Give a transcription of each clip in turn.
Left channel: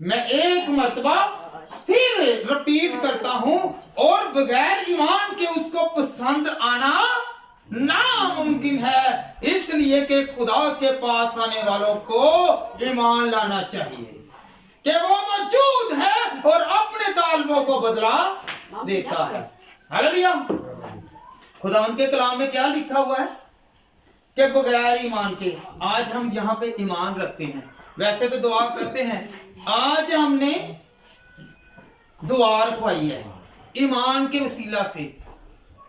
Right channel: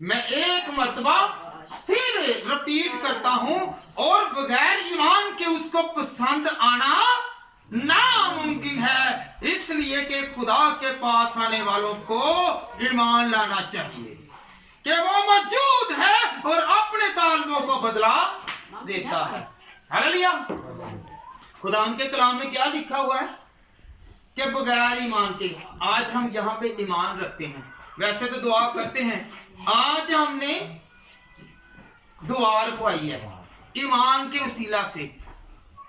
मैं एक मर्तबा फिर रिपीट करता हूं, और बगैर ईमान के उसको पसंद आना नामुमकिन है, इसलिए कि खुदा के पास आने वालों को ईमान लाना चाहिए कि वो मौजूद है और अपने तालबों को बदला देता है। हालेलुया। खुदा उनके कलाम में क्या लिखा हुआ है कि बगैर ईमान के, आज हम यहाँ पे ईमान रखते हैं, वैसे तो दुआ करते हैं, आज हमने दुआ रखवाई है ईमान के वसीला से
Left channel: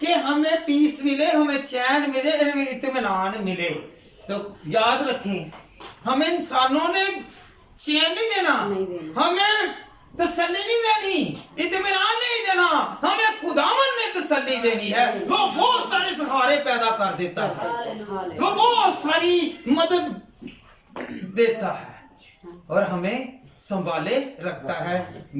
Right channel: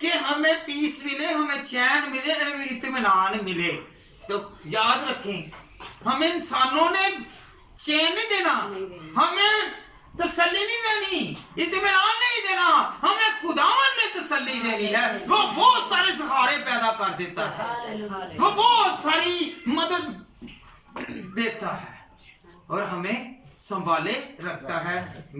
कि हमें पीस मिले, हमें चैन मिले, हमें इत्मीनान मिले। तो याद रखें, हमें इंसानों ने चैन नहीं देना, हमें तसल्ली नहीं देनी, इत्मीनान नहीं देना, हमें खुदावन ने तसल्ली देनी है। वो बहुत सारे सहारे पैदा कर देता है, वो बहुत सारी मदद देता है और हमें संभाले रखता है।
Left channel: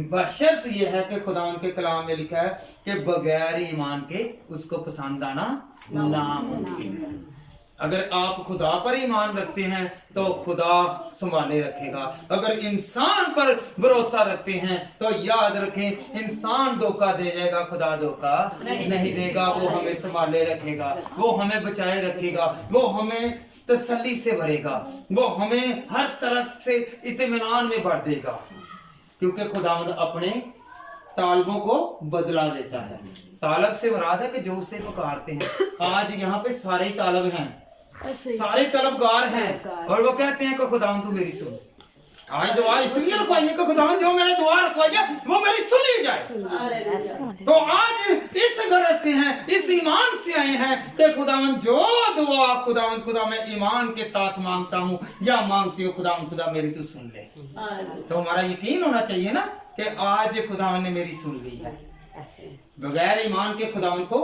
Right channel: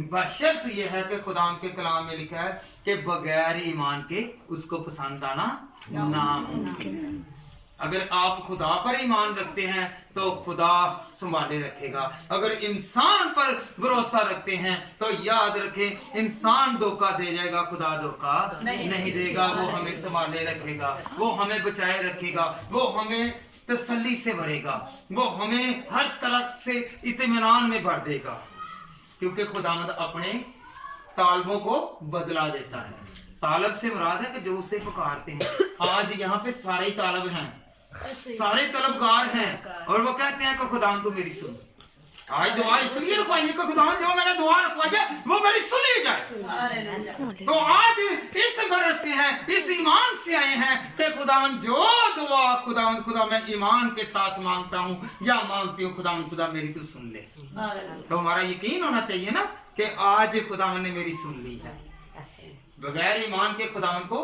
बशर्त ये है कि खुदा के कलाम में लिखा है कि बगैर ईमान के उसको पसंद आना नामुमकिन है। अगर आप खुदा पर ईमान रखते हैं तो खुदा संभाले रखेगा। अगर इंसान पर भरोसा रखते हैं तो याद रखें, इंसान धोखा दे जाएगा, खुदा धोखा नहीं देगा। वो हमें संभाले रखेगा, वो हमें बचाए रखेगा, वो हमें तसल्ली से भरेगा, वो हमें हर तरह से इत्मीनान में भर देगा, क्योंकि खुदावंद अपने तालबों को बदला देता है। तालब से मुराद है कि जो उसे पुकारते हैं। आज यहाँ पे सारे ही तालब हैं, सारे तलबगार हैं, और वो कहते हैं कि खुदावंद तू मेरी सुन। आज दुआ इसलिए रखवाई है कि खुदावंद जो मैंने दुआ रखवाई है वो मेरी सुनी जाए। तो आज इस गरज से हैं, इस ईमान से आए हैं कि खुदावंद जो दुआ खुदावंद खुदा मैं ईमान के साथ मांगता हूँ या मांगती हूँ, खुदावंद खुदा मेरी तू सुन ले। तो हमारा यकीन होना चाहिए ना कि आज खुदावंद ने मेरी सुन ली है। बगैर ईमान के खुदावंद को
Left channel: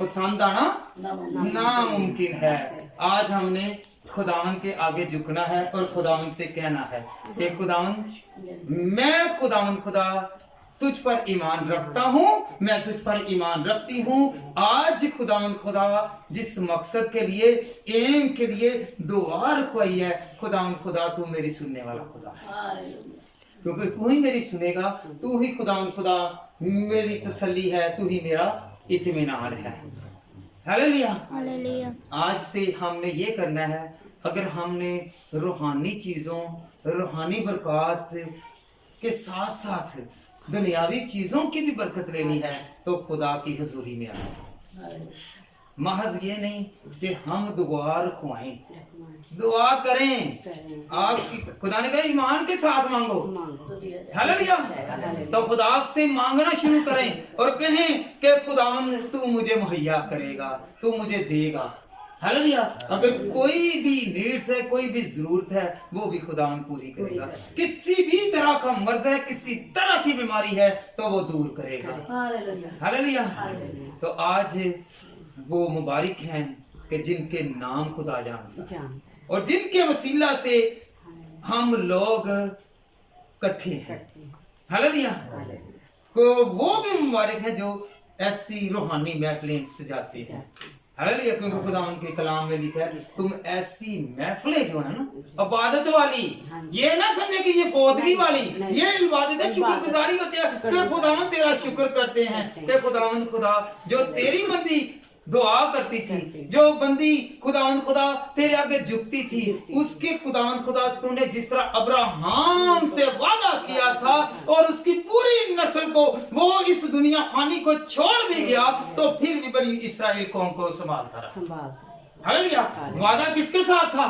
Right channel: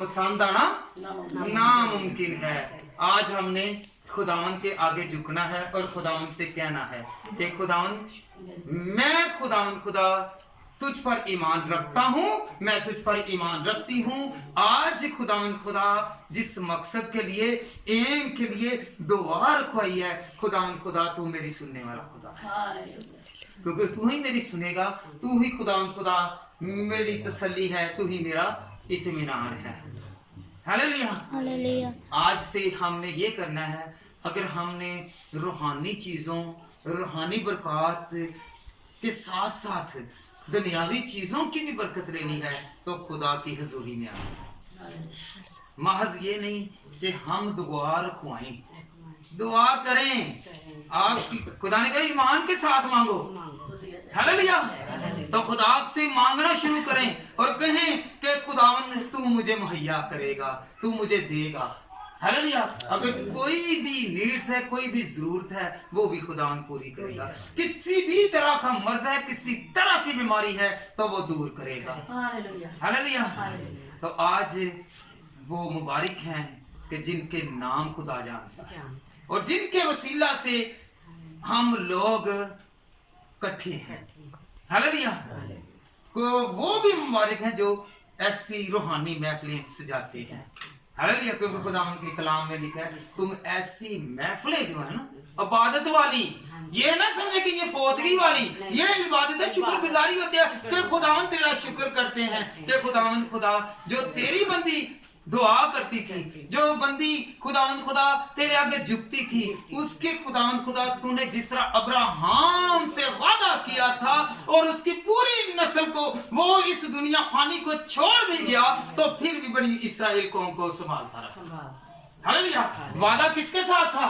पसंद आना नामुमकिन है। आज हमने खुदावंद के आगे झुकना है और खुदावंद से कहना है कि खुदावंद मैं खुदावंद खुदा तुझ पर ईमान रखता हूँ, मैं तुझ पर ईमान रखती हूँ। आज खुदावंद खुदा जिस मकसद के लिए, एम के लिए दुआ रखवाई है, खुदावंद खुदा तू मेरी सुनने वाला खुदा है, क्योंकि तू ही मेरी सुनेगा, तू ही खुदावंद खुदा मेरी तसल्ली है, तू ही मेरा इत्मीनान है। हालेलुया। हालेलुया। आज से हमने ये करना है, अगर हमने रूहानी चीज़ों, रूहानी बरकत के साथ साथ दुनियावी चीज़ों की भी बरकत लेनी है तो खुदा की हजूरी में आए। महज ये नहीं कि हम दुआ रखवाएं, दुआ करें। आप खुदा ने कहा ईमान के साथ मांगो। हालेलुया। तो खुदा से मांगना शुरू करें और कहें कि खुदावन तू मुझे मुहैया करेगा, तू मुझे देगा। हालेलुया। अगर कोई भी नीड्स है, कोई भी जरूरत है, वो भी खुदावन पूरी करेगा। किसी भी तरह का मर्ज है, किसी तरह की बीमारी है तो वो दूर करेगा। हालेलुया। तो आज वो मुबारक हैं कि जिनके नाम खुदा जानता है और जिनके वसीला से हम लोग इकट्ठे हैं। हालेलुया। को वो भी मुबारक हैं जो ऐसी रूहानी महफिलें सजाते हैं। हालेलुया। क्योंकि खुदावंद के कलाम में लिखा है तुम ऐसी महफिलें जो है ना इबादत वाली, ये ना समझे कि ये फौदगी वाली, ये इबादत है, शुक्रगुजारी होती है कि खुदावंद तेरा शुक्र करते हैं कि खुदावंद खुदा जो तेरी बंदी दुआ करती थी, जो बंदी खुदावंद खुदा तेरे आगे झुकती थी, उसके खुदावंद खुदा तूने जिस तरह अब्राहम से वादा किया था और उसकी पूरी नस्ल को वो इस दुनिया फानी को छोड़ भी गया तो फिर भी बड़ी इस्राएल कौम को संभालता रहा। हालेलुया। वादा किसके साथ था?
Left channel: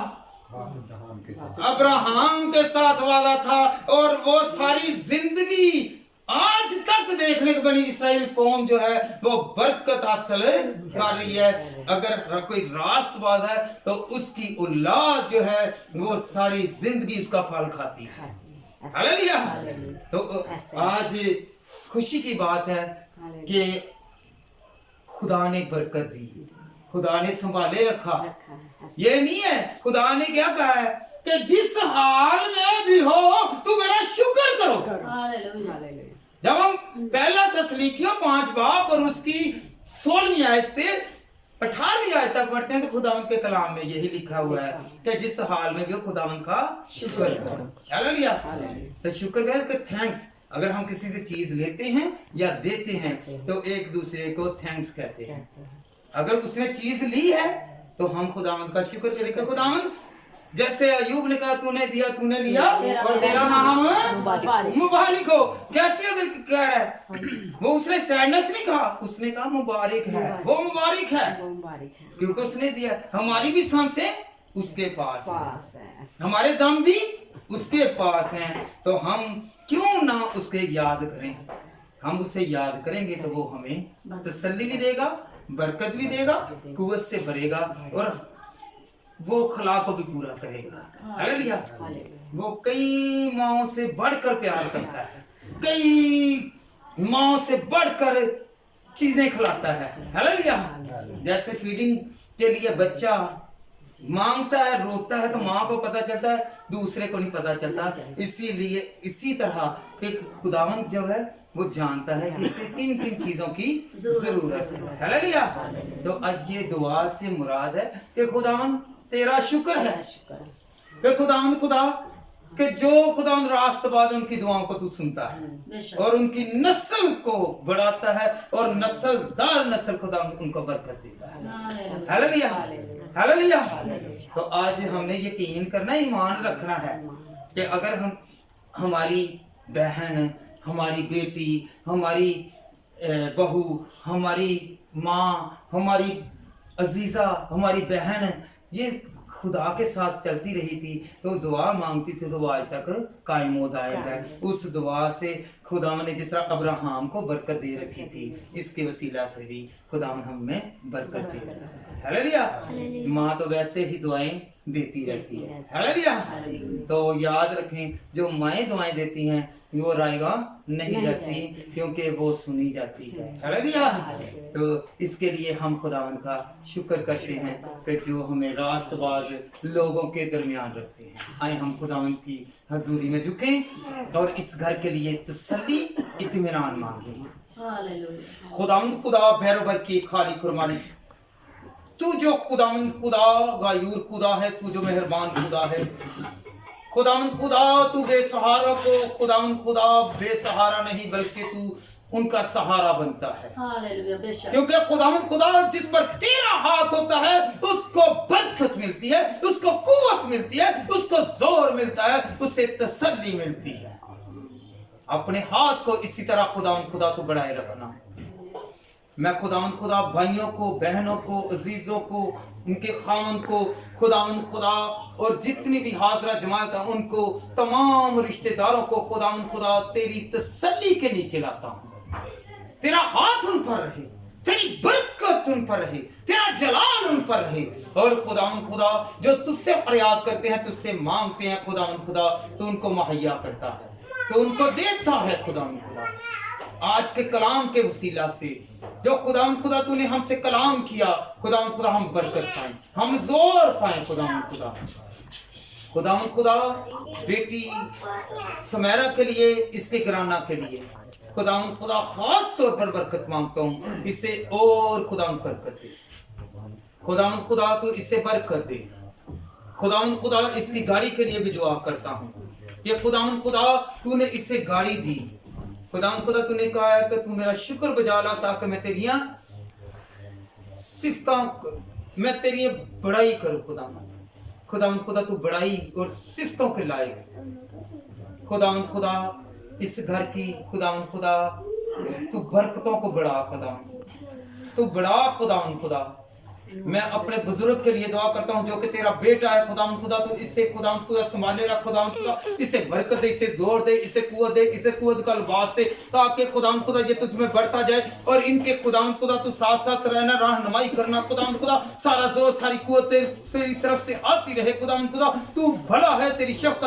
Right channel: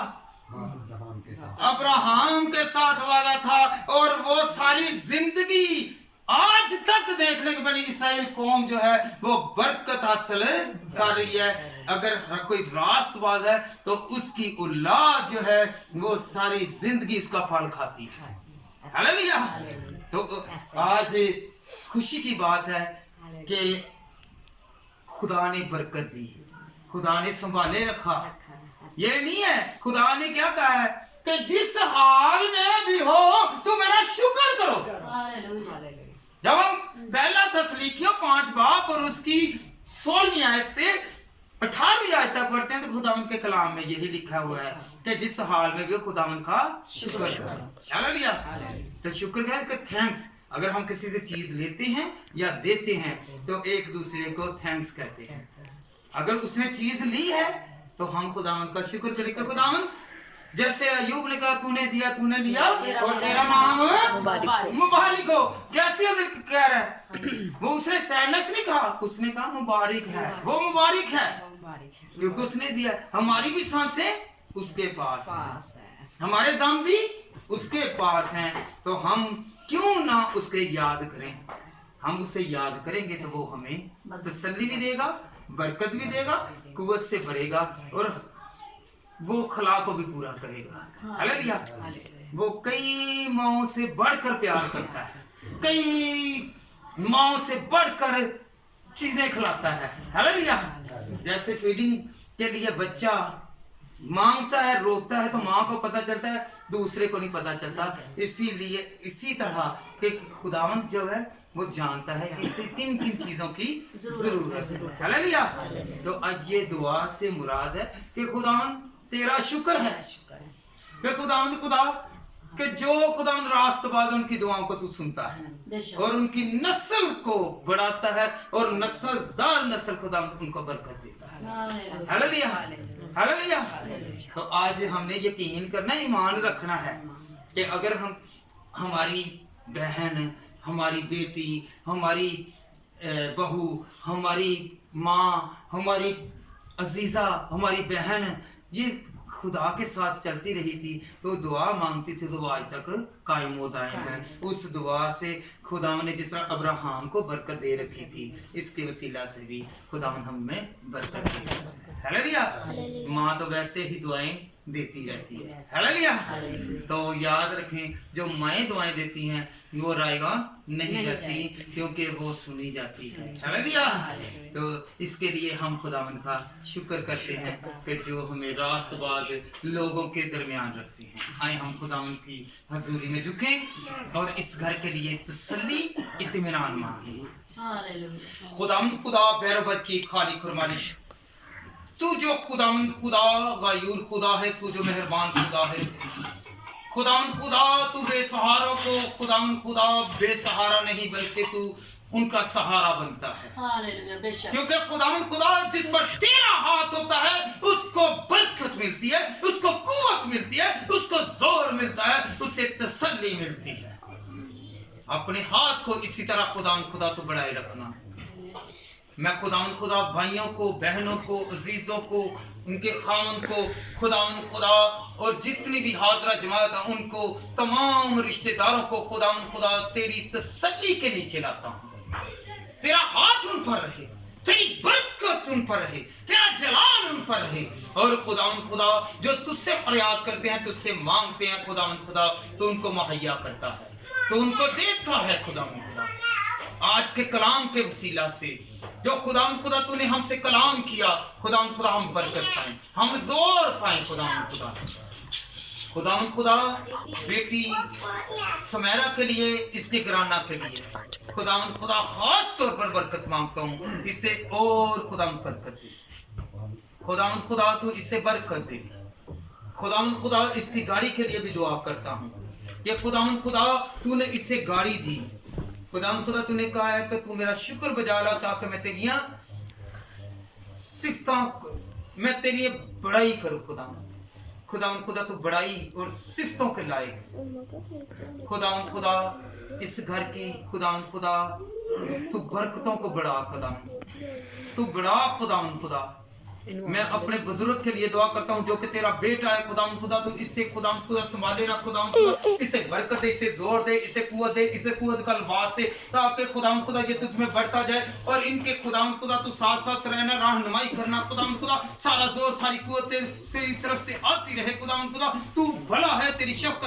अब्राहम के साथ वादा था, और वो सारी जिंदगी आज तक देखने को बनी इसराइल कौम जो है वो बरकत हासिल कर रही है। अगर कोई रास्तबाज है तो उसकी औलाद जो है वो सारी जिंदगी उसका फल खाती है। हालेलुया। तो आज खुशी की बात है कि खुदा ने बरकत दी, खुदा ने संभाले रखा। ये नहीं है, खुदा ने क्या कहा है कि जिस हाल में भी हो तुम मेरा शुक्र करो। जब हम पहला तस्लीकियों 5 बाब और उसकी 16वीं आयत से 18वीं आयत तक पढ़ते हैं तो खुदावंद के कलाम में यही लिखा हुआ है कि जिस हाल में भी खुदावंद का शुक्र करो। हालेलुया। तो शुक्र कर थैंक्स। अगर हम किसी से चीज लेते हैं या देते हैं तो एक दूसरे को थैंक्स कहते हैं। अगर उसने चीज ली है तो हम खुदावंद का शुक्र करेंगे। खुदावंद जैसे अयूब ने कहा तूने दिया तूने लिया और तेरा नाम मुबारक हो। कैसे अगर कह रहा है वो उसने सैडनेस नहीं कहा, उसने कहा मुबारक है, वो मुबारक है क्योंकि उसने दिया। हमारी भी सांसें उसके पास है, हमारे दम भी उसके पास हैं, तो हम क्यों ना उसके याद करें। हम उसे याद करेंगे तो वो हमें तसल्ली भी देगा, बरकत भी देगा, कुव्वत से भरेगा और वो खला को भी पूरा करेगा। हालेलुया। वो कई माओं से बढ़कर प्यार करता है, कई माओं से बढ़कर चीजें खिलाता है। हालेलुया। जैसे फीडिंग के लिए बच्चा मांगता है, रोता है तो माँ को पता चलता है, दूसरे को नहीं पता चलता। इसीलिए इसी तरह कि खुदावंद जो है वो जानता है कि इसे किन किन चीजों की जरूरत है। हालेलुया। तो आज ये दुआ से मुराद है कि खुदावंद तेरा शुक्र है कि खुदावंद खुदा कि जो खुदावंद रास्तबाज उनकी दुआओं को तू सुनता है और उनकी नस्ल को बढ़ाता है और नस्ल दर नस्ल खुदावंद उनको बरकत देता है। हालेलुया। हालेलुया। तो आज हमने यकीन करना, ईमान रखना है कि अगर हम हमारी बहन, हमारी बेटी, हमारी बहू, हमारी माँ, हमारी अजीजा, हमारी बहन ये खुदा के साथ चलती रही थी तो दुआ मांगती थी तो वो आज तक कायम होता है। उस दुआ से खुदा ने जिस तरह अब्राहम को बरकत दे रखी थी, इसके वसीला से भी खुदा हमें बरकत दे रहा है। हालेलुया। माँ तो वैसे ही दुआएं देती रहती है। हालेलुया। तो याद रखें जो माएँ दुआएं देती हैं वो रायगा नहीं जाती क्योंकि वो सुनी जाती है। हालेलुया। तो इसके लिए हम खुदावंद का शुक्र करते हैं कि जो हमें रास्तबाज लोगों के दरमियान रखते हैं। आए हम खुदावंद की हजूरी में झुकें और इस घर के लिए तसल्ली इत्मीनान मांगे। खुदावंद खुदा भैरवर की खाली कुर्बानी, तू जो खुदावंद खुदा गायूर खुदा है, तू जो मेहरबान खुदा है। खुदावंद खुदा तू बेसहारा को खुदावंद खुदा बेसहारा नहीं बल्कि तू उनका सहारा बनता है। क्योंकि खुदावंद खुदा जिस पर तेरा हाथ होता है उसको बरकत मिलती है, उसको कुव्वत मिलती है, उसको जोर मिलता है, उसे तसल्ली मिलती है। अपने हाथ को इसी तरह खुदावंद खुदा तू बढ़ाए रखना। मैं खुदावंद खुदा भाइयों को, बहनों को, अजीजों को, उनके खामन को खुदावंद खुदा और जितनी भी हाजरा जमात है उनको, तमाम रिश्तेदारों को खुदावंद खुदा तेरी तसल्ली के नीचे लाता हूँ। तेरा हाथ उन पर रहे, तेरी बरकत उन पर रहे, तेरा जलाल उन पर रहे। और खुदावंद खुदा जो तुझसे फरियाद करते हैं, तुझसे मांगते हैं खुदावंद खुदा, तो उनको मुहैया करता है, तो उनको देता है खुदावंद खुदा। आज के कलाम के वसीला से जो खुदावंद खुदा तूने हमसे कलाम किया, खुदावंद खुदा हम बरकत पाएं, हम जोर पाएं खुदावंद खुदा। खुदावंद खुदा बेटी सुमेरा के लिए, इसके घराना के लिए खुदावंद खुदा खास तौर पर बरकत मांगता हूँ। इसे और खुदावंद बरकत दे, खुदावंद खुदा तू इसे बरकत दे। खुदावंद खुदा इसकी गाड़ी के लिए भी दुआ करता हूँ। ये खुदावंद खुदा तूने इसे गाड़ी दी, खुदावंद खुदा तूने कहा है कि तू मेरा शुक्र बजा ला ताकि मैं तेरियां सिफतां, मैं तेरी बड़ाई करूं। खुदावंद खुदा तू बड़ाई और सिफतों के लायक। खुदावंद खुदा इस घर की खुदावंद खुदा तू बरकतों को बढ़ा, खुदावंद तू बढ़ा। खुदावंद खुदा मैं अपने बुजुर्ग के लिए दुआ करता हूँ जो कि तेरा बेटा है। खुदावंद खुदा तू इसे खुदावंद खुदा संभाले रख, खुदावंद खुदा इसे बरकत दे, इसे जोर दे, इसे कुव्वत दे, इसे कुव्वत का लिबास दे, ताकि खुदावंद खुदा ये तुझ में बढ़ता जाए। और इनके खुदावंद खुदा तू साथ साथ रहना, रहनुमाई करना। खुदावंद खुदा सारा जोर सारी कुव्वत तेरी तरफ से आती रहे। खुदावंद खुदा तू भला है, तेरी शफ़क़त